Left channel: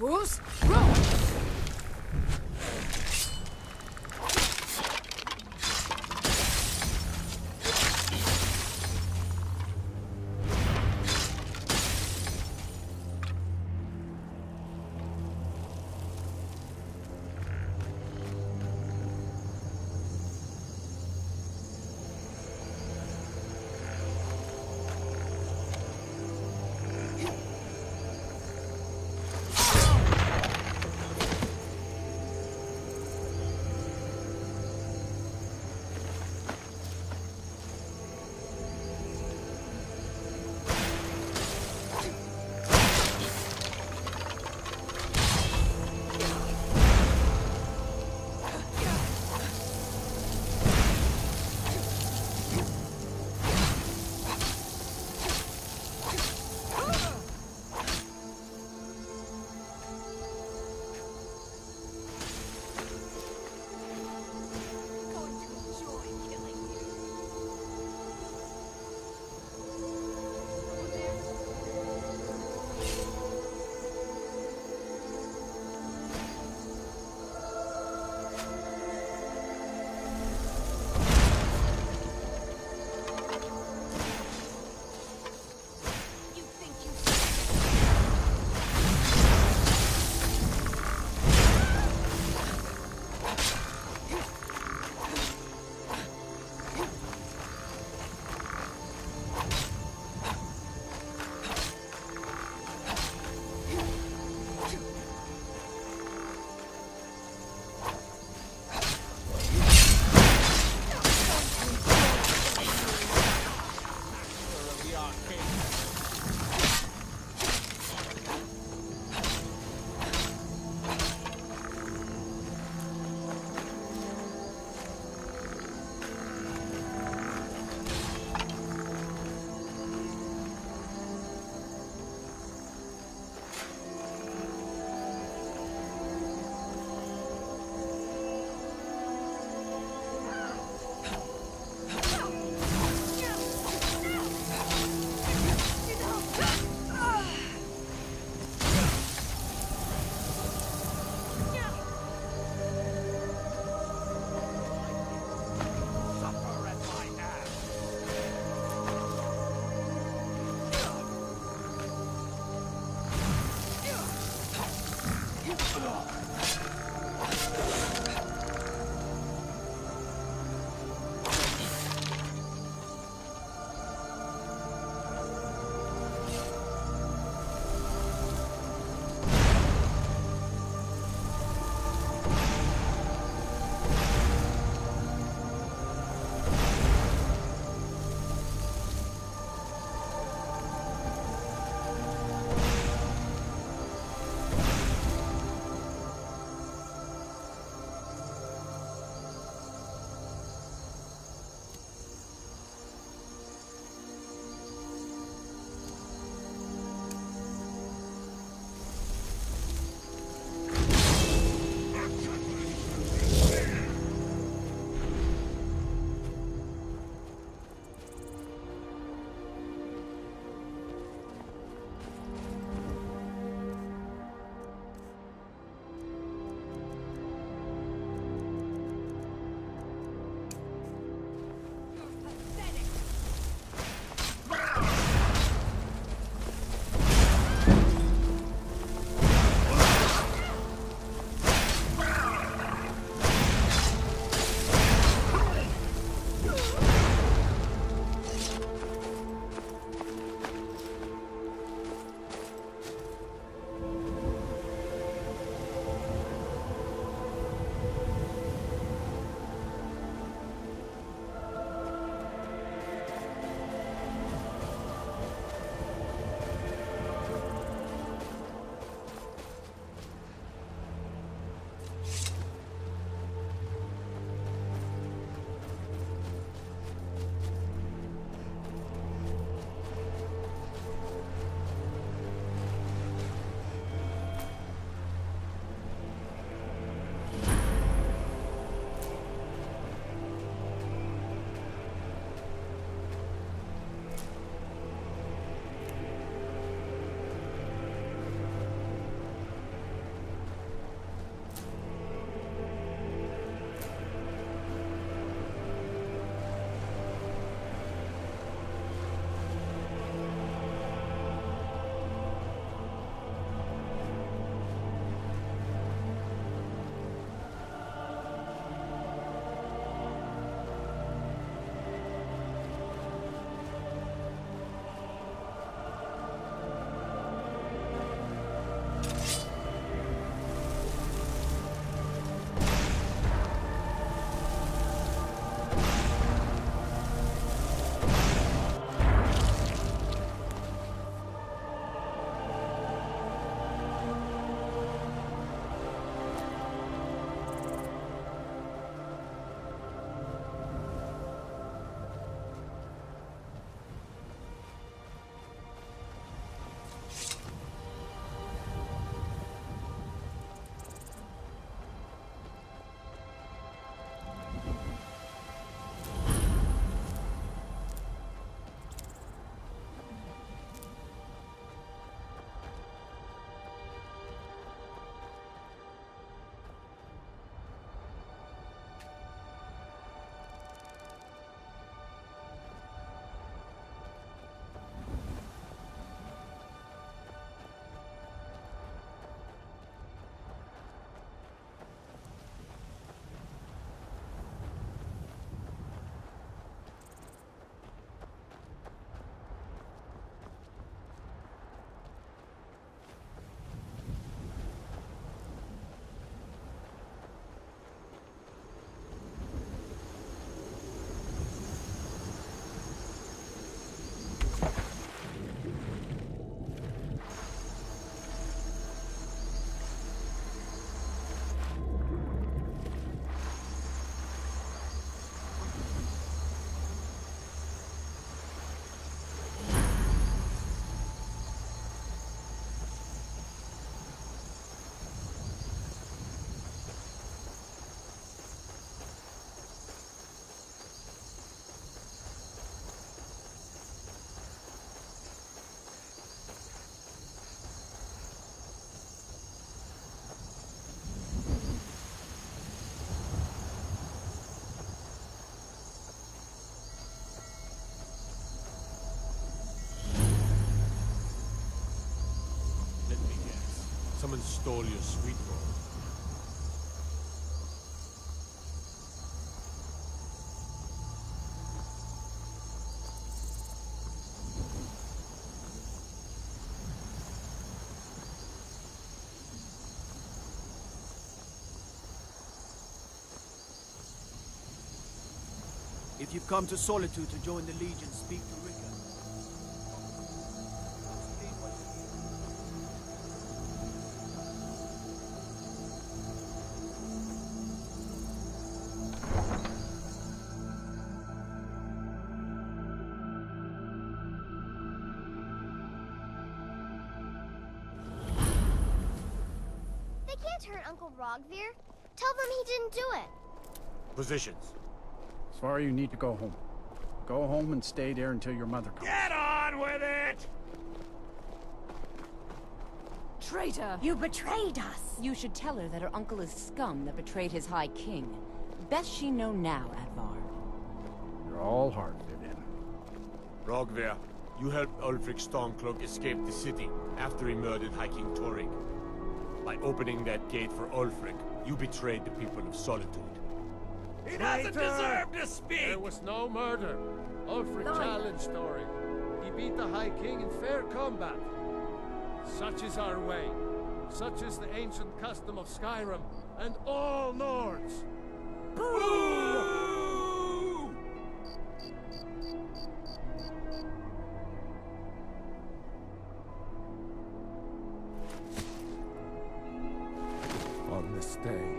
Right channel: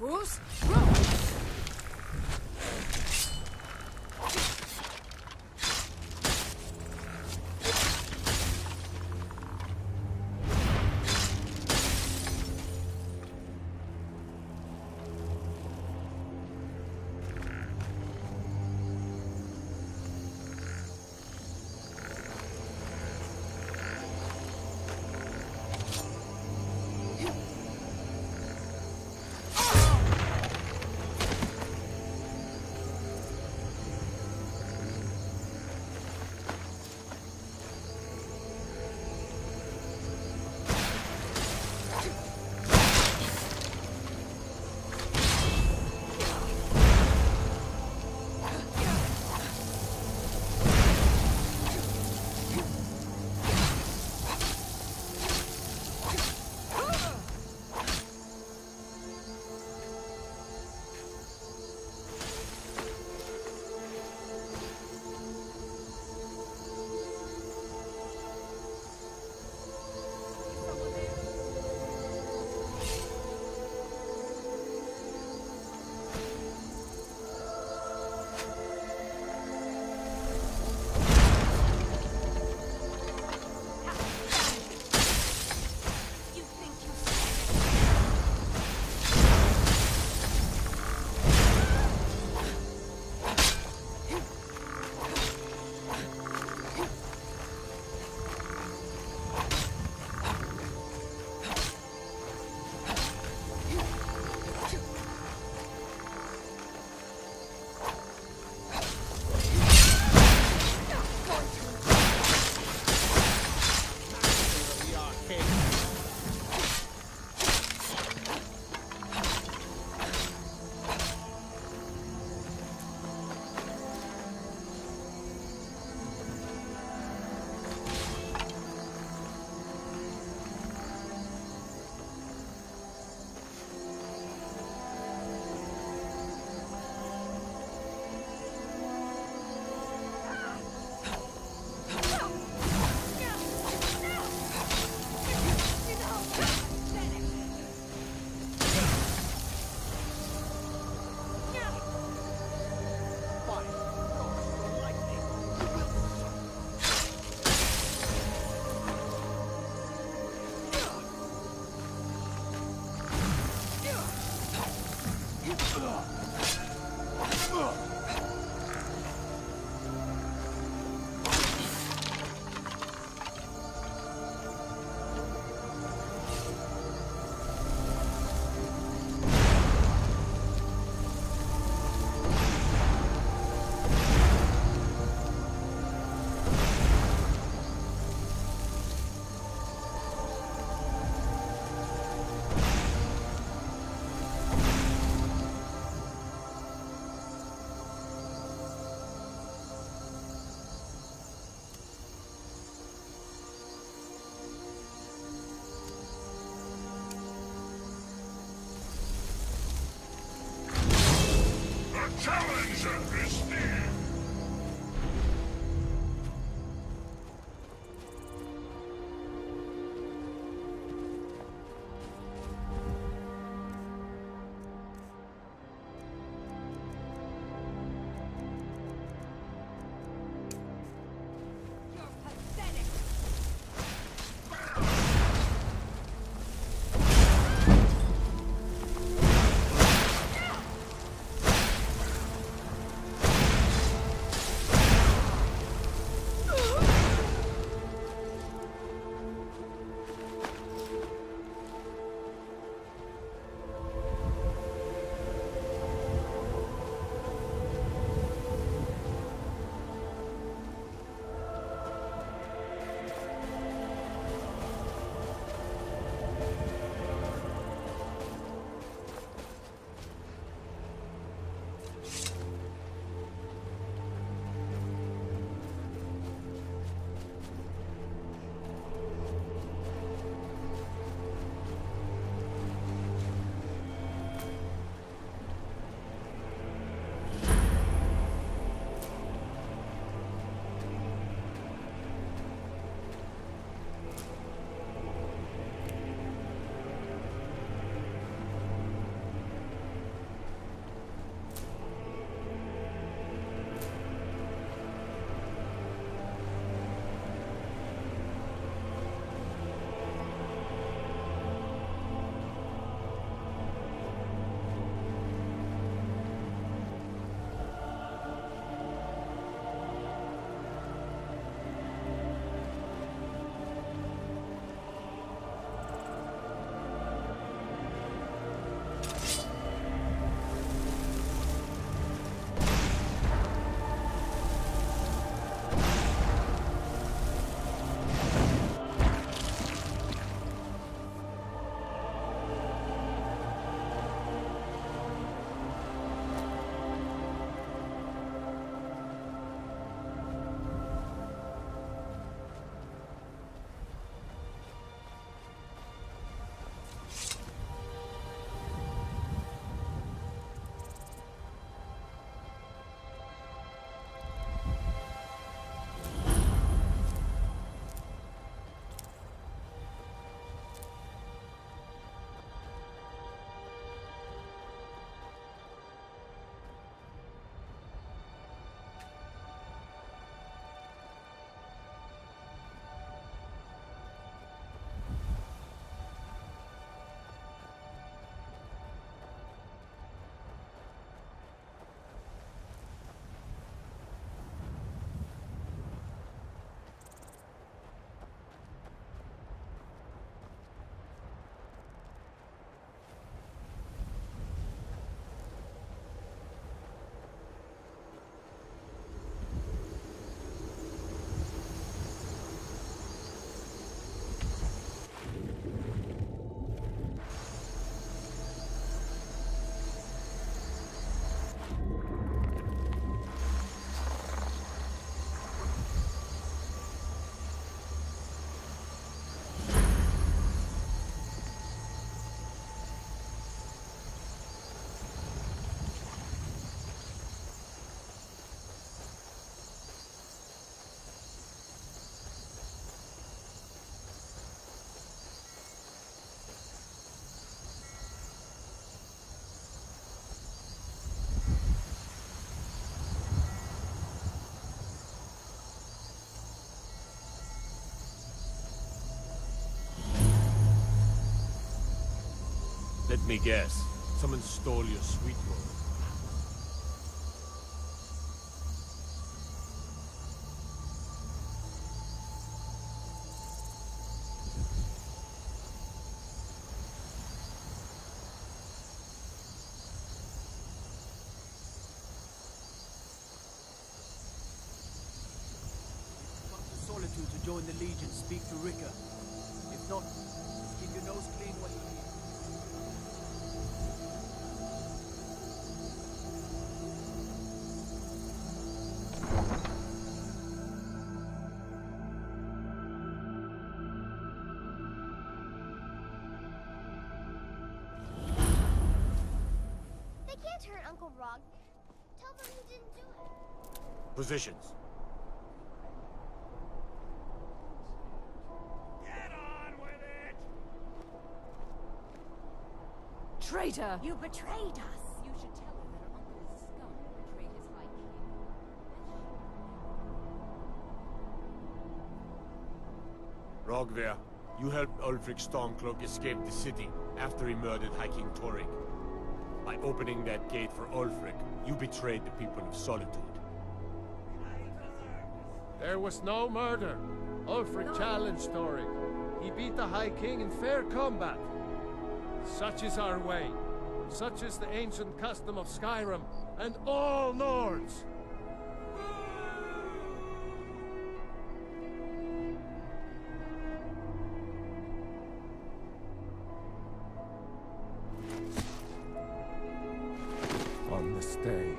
Who's wrong? Let me guess. Someone stole your sweet roll. If you've come to Solitude to join the Legion, speak to Rika. If not, keep your nose clean while you're here. They can't hurt Uncle Rogvir. Tell them he didn't do it. Positions. Sorry, you need to go home. Go home and stay there until your mother comes. Get on with it! Traitor! You betrayed us! You should tell her that her uncle is scum that betrayed his High King. Best she know now, Advar. You're all hard to fit in. Rogver, you helped Ulfric Stormcloak escape the city after he murdered High King Torrig. By opening that gate for Ulfric, you betrayed the people of Solitude. He doesn't deserve to speak! There was no murder. Ulfric challenged Torrig. He beat the High King in fair combat. Such is our way. Such is the ancient custom of Skyrim and all Nords. On this day,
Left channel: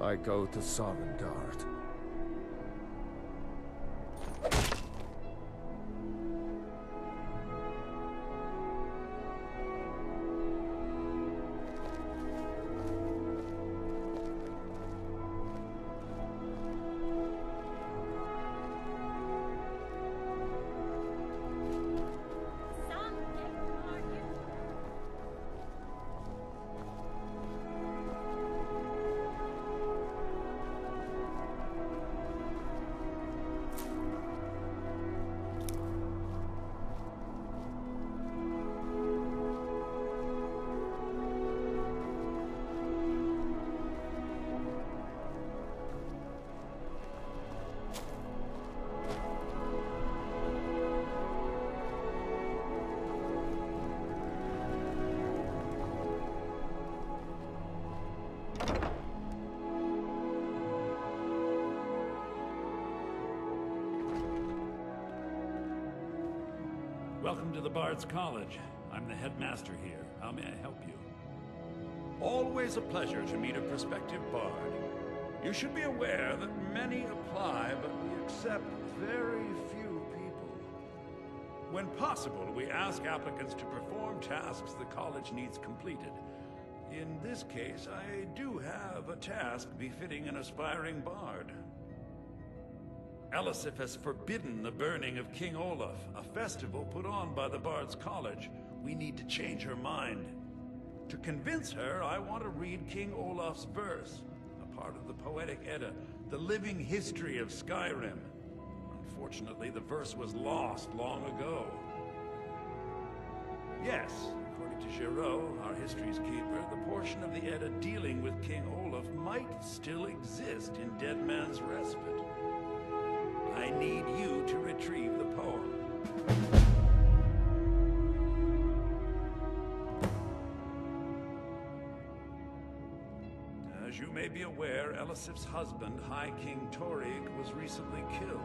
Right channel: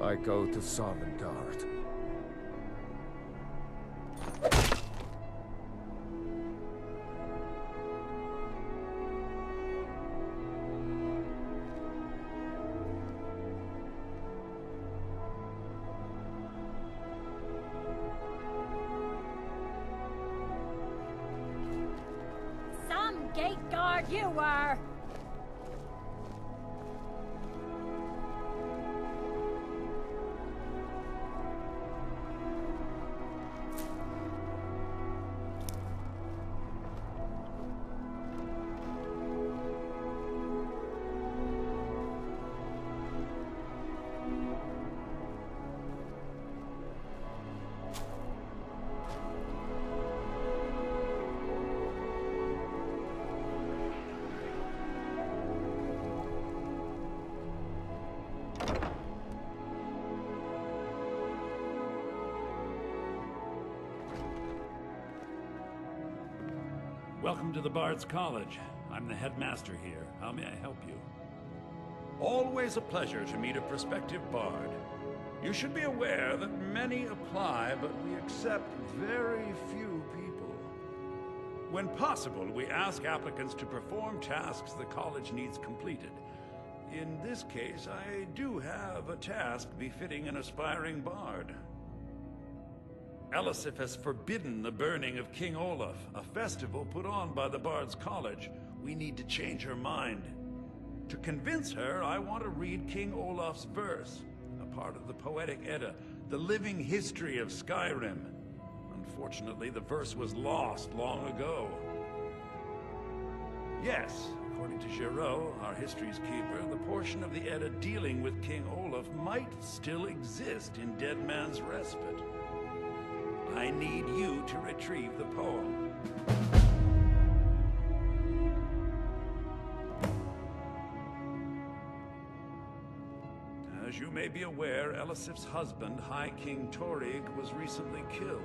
I go to Sovngarde. Some gate guard you were! Welcome to the Bard's College. I'm the headmaster here. How may I help you? Always a pleasure to meet a prospective bard. You should be aware that many apply, but we accept very few people. When possible, we ask applicants to perform tasks the college needs completed. In this case, I do have a task befitting an aspiring bard. Elisif has forbidden the burning of King Olaf, a festival put on by the Bard's College. We need to change her mind. To convince her, I want to read King Olaf's verse, a part of the Poetic Edda, the living history of Skyrim. Unfortunately, the verse was lost long ago. Yes, according to Giraud, our history's keeper, the portion of the Edda dealing with King Olaf might still exist in Dead Man's Respite. I need you to retrieve the poem. As you may be aware, Elisif's husband, High King Torrig, was recently killed.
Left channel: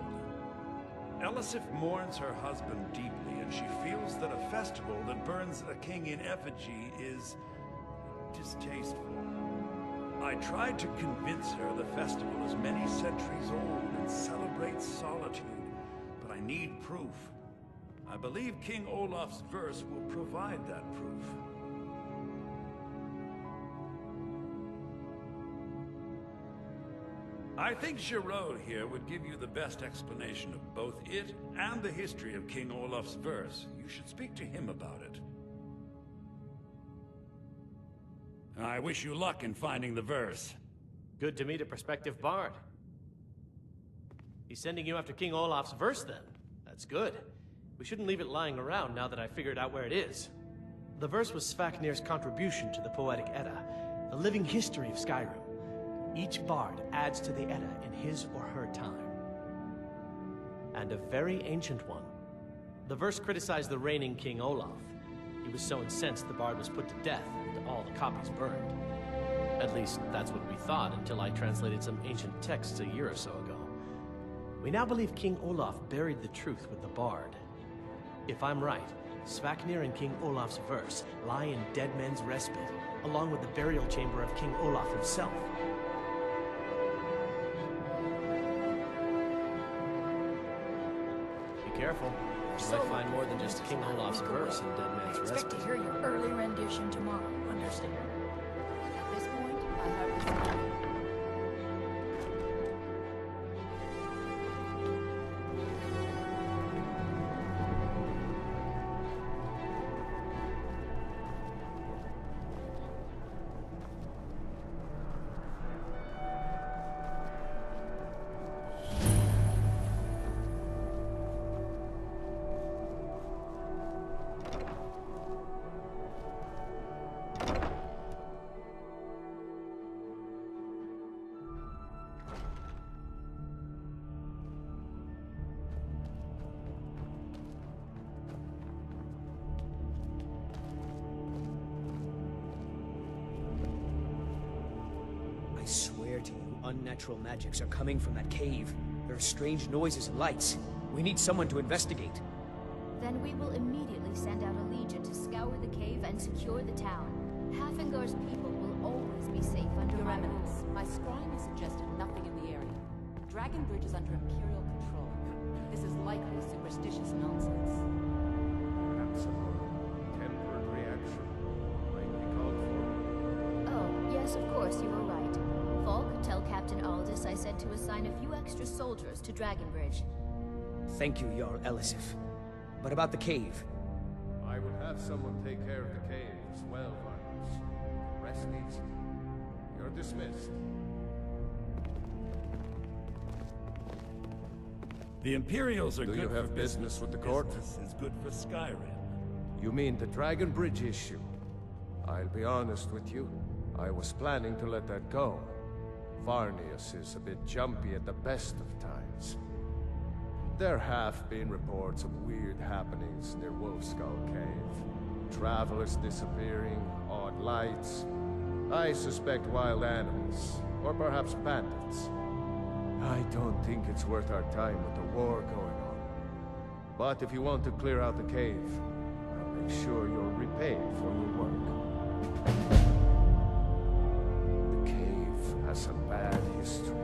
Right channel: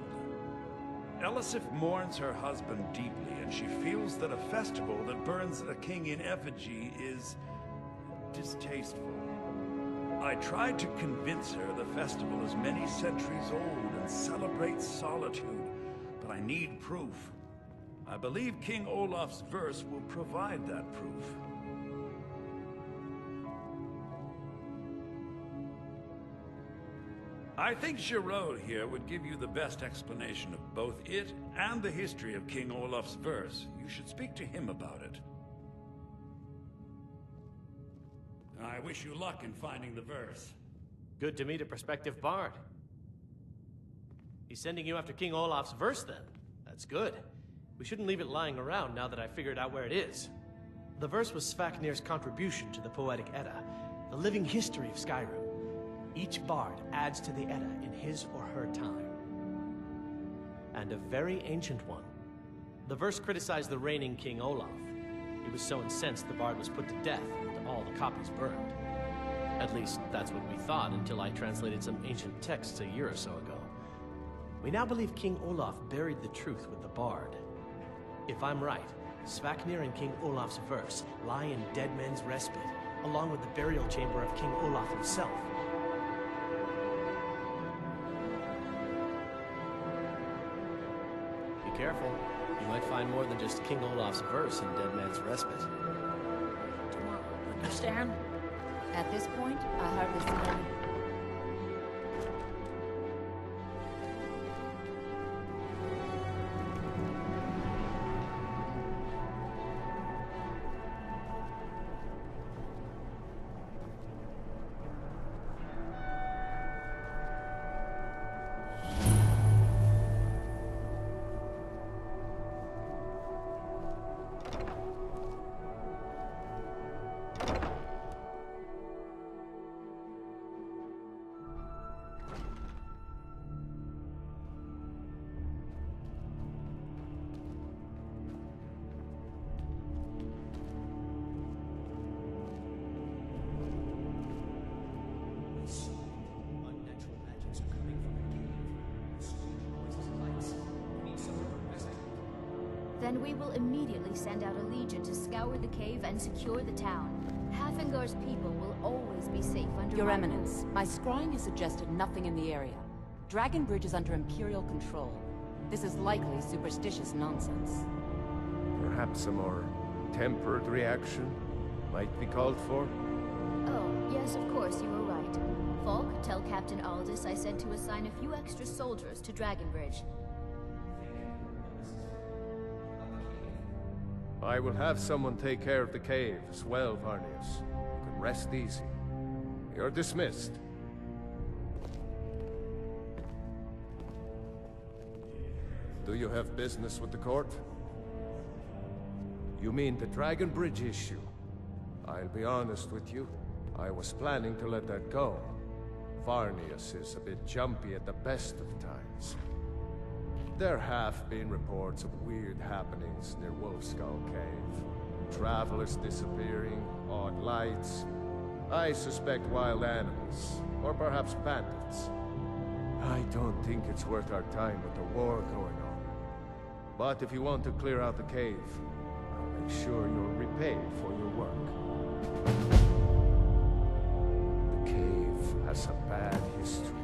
Elisif mourns her husband deeply, and she feels that a festival that burns a king in effigy is distasteful. I tried to convince her the festival is many centuries old and celebrates solitude, but I need proof. I believe King Olaf's verse will provide that proof. I think Giraud here would give you the best explanation of both it and the history of King Olaf's verse. You should speak to him about it. I wish you luck in finding the verse. Good to meet a prospective bard. He's sending you after King Olaf's verse, then. That's good. We shouldn't leave it lying around now that I figured out where it is. The verse was Svafnir's contribution to the Poetic Edda, the living history of Skyrim. Each bard adds to the Edda in his or her time. And a very ancient one. The verse criticized the reigning King Olaf. He was so incensed the bard was put to death and all the copies burned. At least, that's what we thought until I translated some ancient texts a year or so ago. We now believe King Olaf buried the truth with the bard. If I'm right, Svafnir and King Olaf's verse lie in Dead Men's Respite, along with the burial chamber of King Olaf himself. Be careful. You might find more than just King Olaf's verse in Dead Man's Expect Respite. to hear your early rendition tomorrow, understand? At this point, I hardly see any. I swear to you, unnatural magics are coming from that cave. There are strange noises and lights. We need someone to investigate. Then we will immediately send out a legion to scour the cave and secure the town. Hafingar's people will always be safe under Your my Eminence, rule. my scrying has suggested nothing in the area. Dragonbridge is under Imperial control. This is likely superstitious nonsense. Perhaps a more tempered reaction might be called for? Oh, yes, of course, you were right. Falk, tell Captain Aldous I said to assign a few extra soldiers to Dragonbridge. Thank you, Jarl Elisif. But about the cave? I will have someone take care of the cave as well, Varnius. You can rest easy. You're dismissed. The Imperials are Do you have business with the court? This is good for Skyrim. You mean the Dragon Bridge issue? I'll be honest with you. I was planning to let that go. Varnius is a bit jumpy at the best of times. There have been reports of weird happenings near Wolfskull Cave. Travelers disappearing, odd lights. I suspect wild animals, or perhaps bandits. I don't think it's worth our time with the war going on. But if you want to clear out the cave, I'll make sure you're repaid for your work. The cave has a bad history.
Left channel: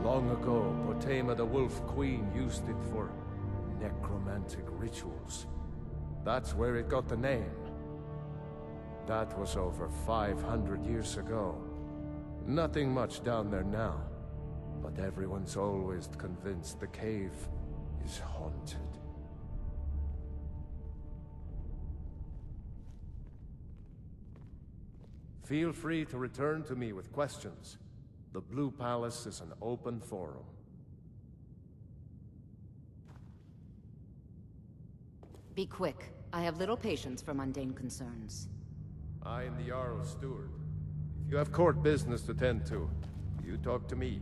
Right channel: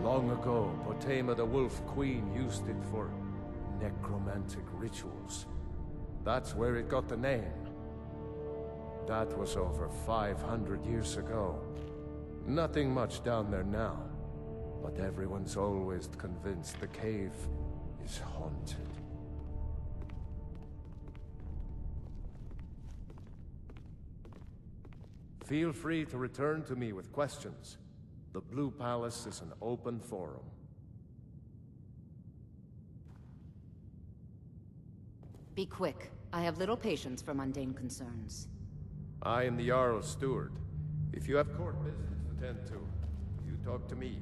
Long ago, Potema the Wolf Queen used it for necromantic rituals. That's where it got the name. That was over 500 years ago. Nothing much down there now, but everyone's always convinced the cave is haunted. Feel free to return to me with questions. The Blue Palace is an open forum. Be quick. I have little patience for mundane concerns. I am the Jarl's steward. If you have court business to tend to, you talk to me.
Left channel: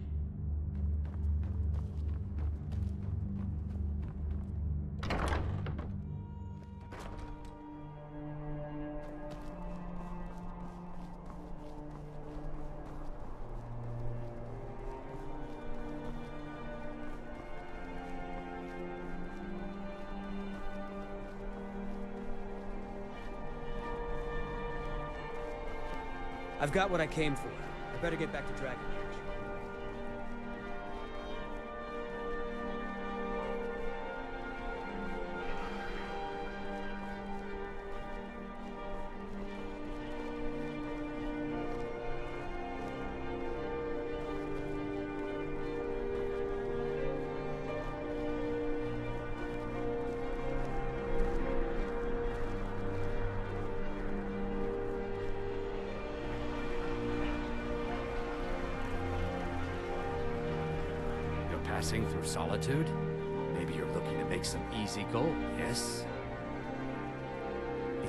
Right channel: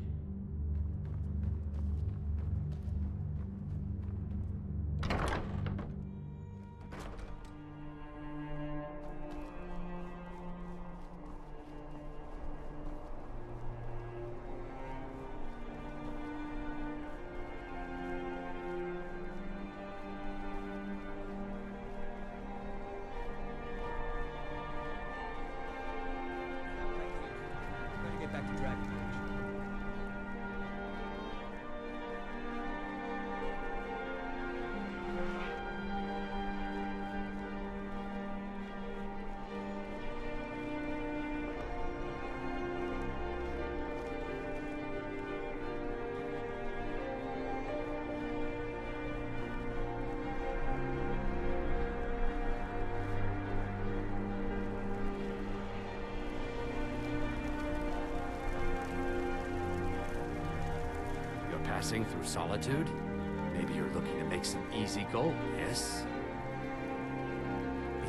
I've got what I came for. I better get back to Dragonbridge. Passing through solitude? Maybe you're looking to make some easy gold, yes?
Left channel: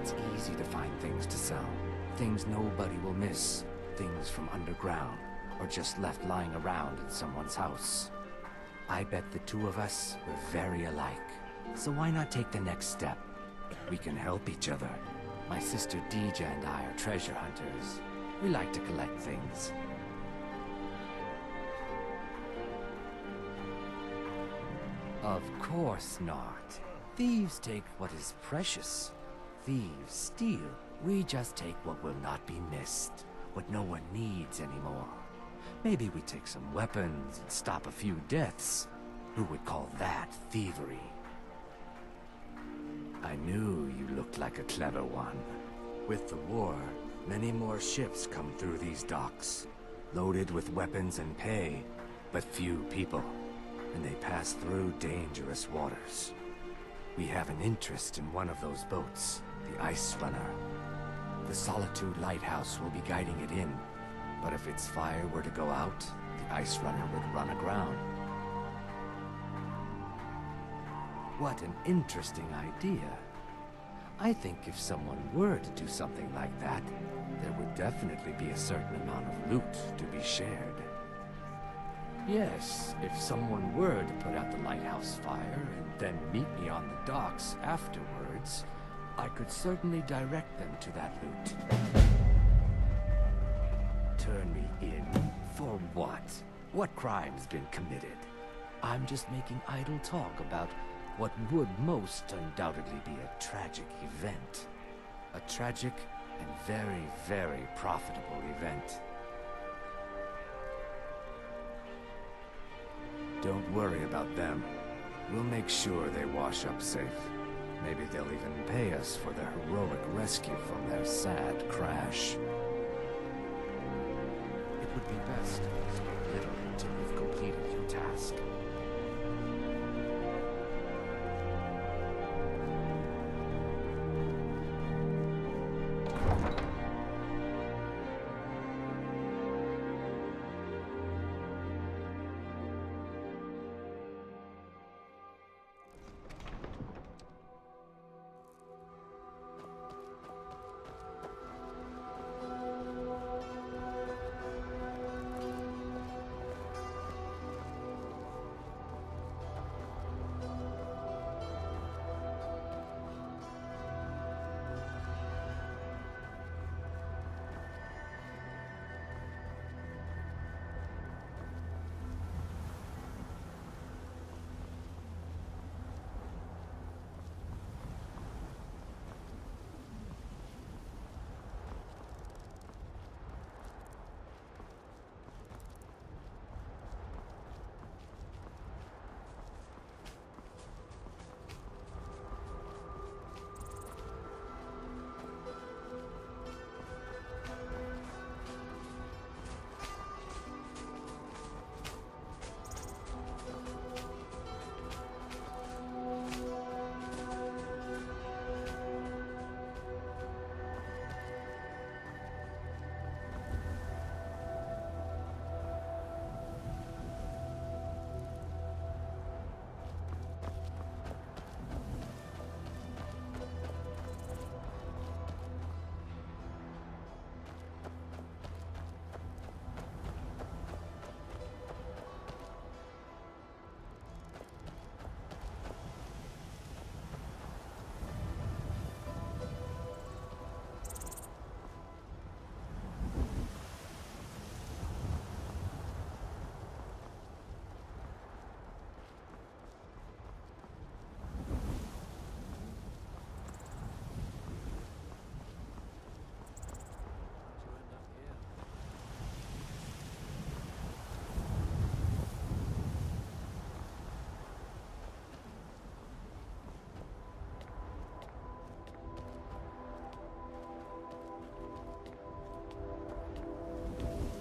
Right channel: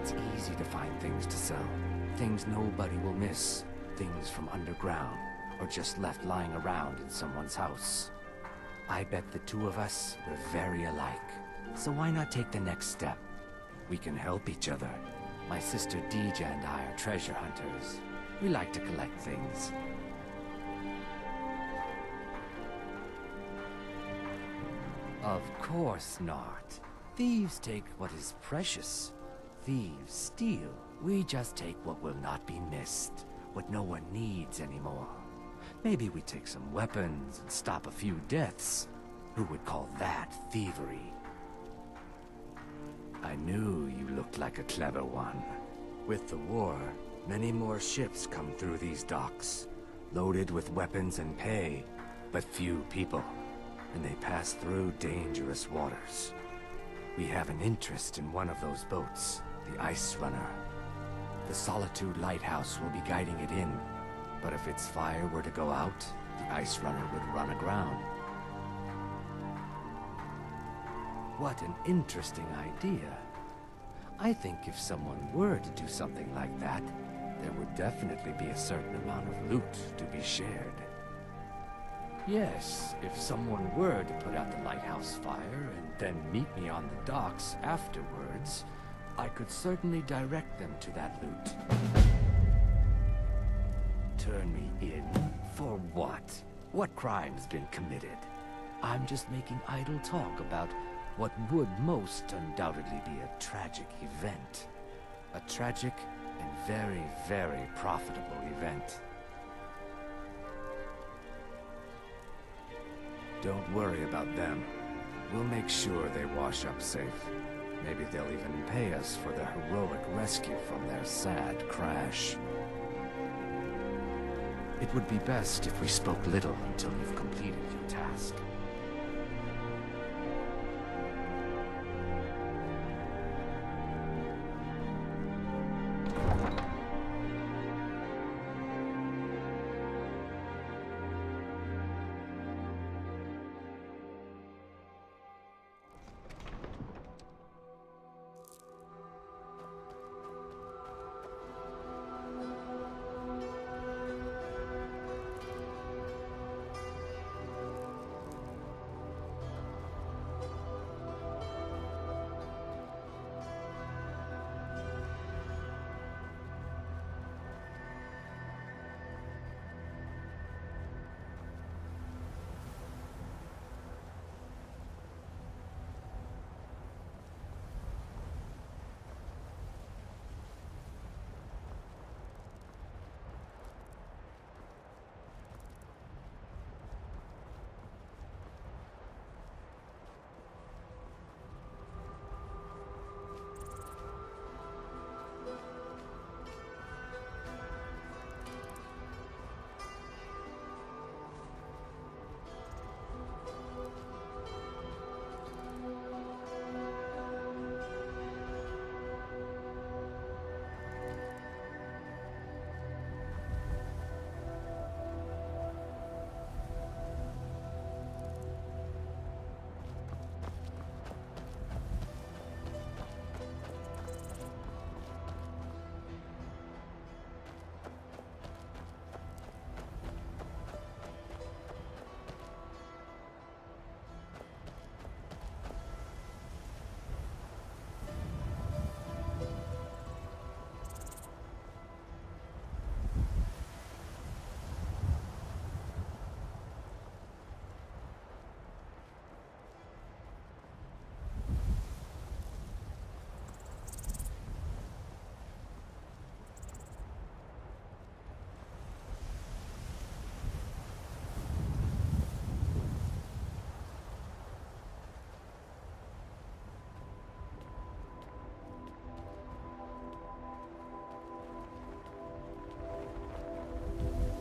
It's easy to find things to sell. Things nobody will miss. Things from underground, or just left lying around in someone's house. I bet the two of us were very alike. So why not take the next step? We can help each other. My sister Deeja and I are treasure hunters. We like to collect things. Of course not. Thieves take what is precious. Thieves steal. We just take what will not be missed. What no one needs anymore. Maybe we take some weapons and stop a few deaths. Who would call that thievery? I knew you looked like a clever one. With the war, many more ships come through these docks, loaded with weapons and pay, but few people, and they pass through dangerous waters. We have an interest in one of those boats, the Ice Runner. The Solitude Lighthouse will be guiding it in, but if its fire were to go out, the Ice Runner would run aground. What an interesting idea. I think if someone were to do something like that, there would definitely be a certain amount of loot to be shared. Yes, if someone were to put out the lighthouse fire and then meet me on the docks afterwards, I could certainly direct them to that loot. Turn me in? For what? What crime's been committed? I'm just making idle talk about what would most undoubtedly be a tragic event. A tragic and very, very profitable event. Don't worry about them. We'll make sure they wash up safe. Maybe they'll even pay us for their heroic rescue from their sad crash. It would be best if we spoke little until you've completed your task.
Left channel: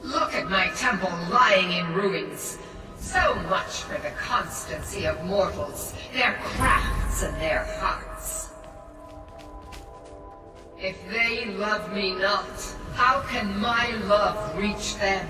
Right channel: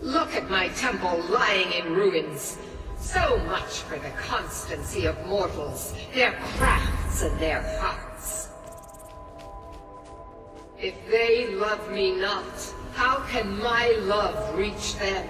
Look at my temple lying in ruins. So much for the constancy of mortals, their crafts and their hearts. If they love me not, how can my love reach them?